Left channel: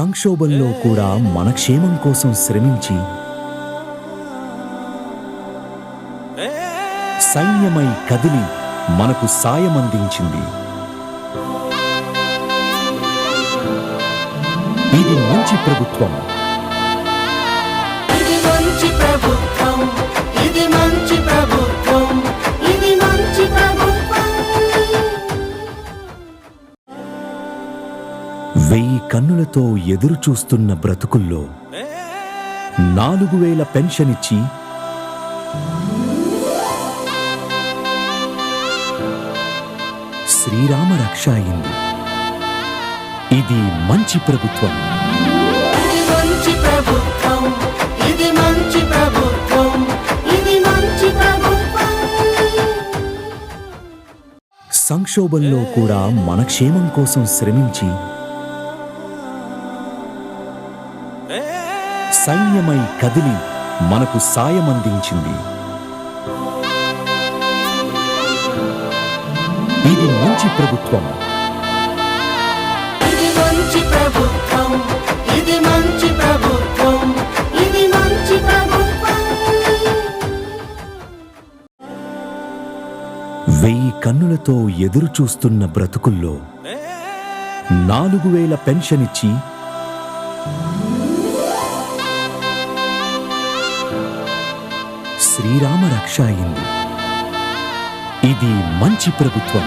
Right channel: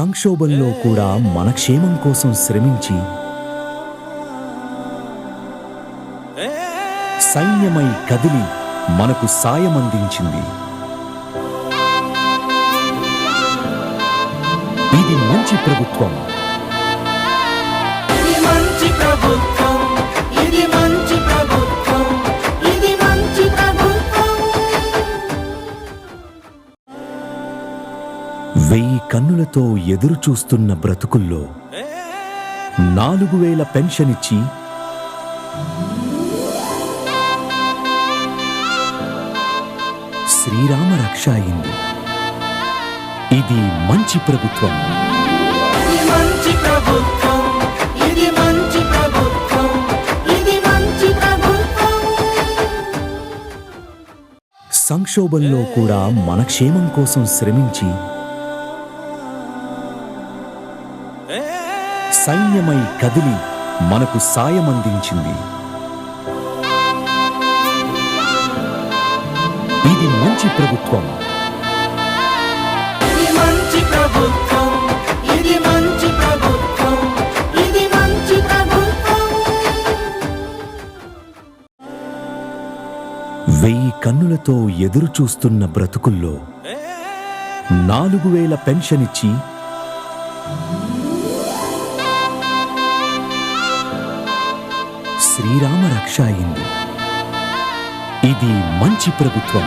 సంక్షోభంలో కూడా మన క్షేమం కోసం శ్రమించి సైన్యమై కదిలి మనకు సాయమందించింది. ఇది మంచి ప్రభుత్వం. వెయ్యి కన్నులతో ఎదురు చూస్తున్న బ్రతుకుల్లో 4000 పెన్షన్ ఇచ్చి శ్రీరామ రక్ష అయింది. ఇది మంచి ప్రభుత్వం. సంక్షోభంలో కూడా మన క్షేమం కోసం శ్రమించి సైన్యమై కదిలి మనకు సాయమందించింది. ఇది మంచి ప్రభుత్వం. వెయ్యి కన్నులతో ఎదురు చూస్తున్న బ్రతుకుల్లో 4000 పెన్షన్ ఇచ్చి శ్రీరామ రక్ష అయింది. ఇది మంచి ప్రభుత్వం.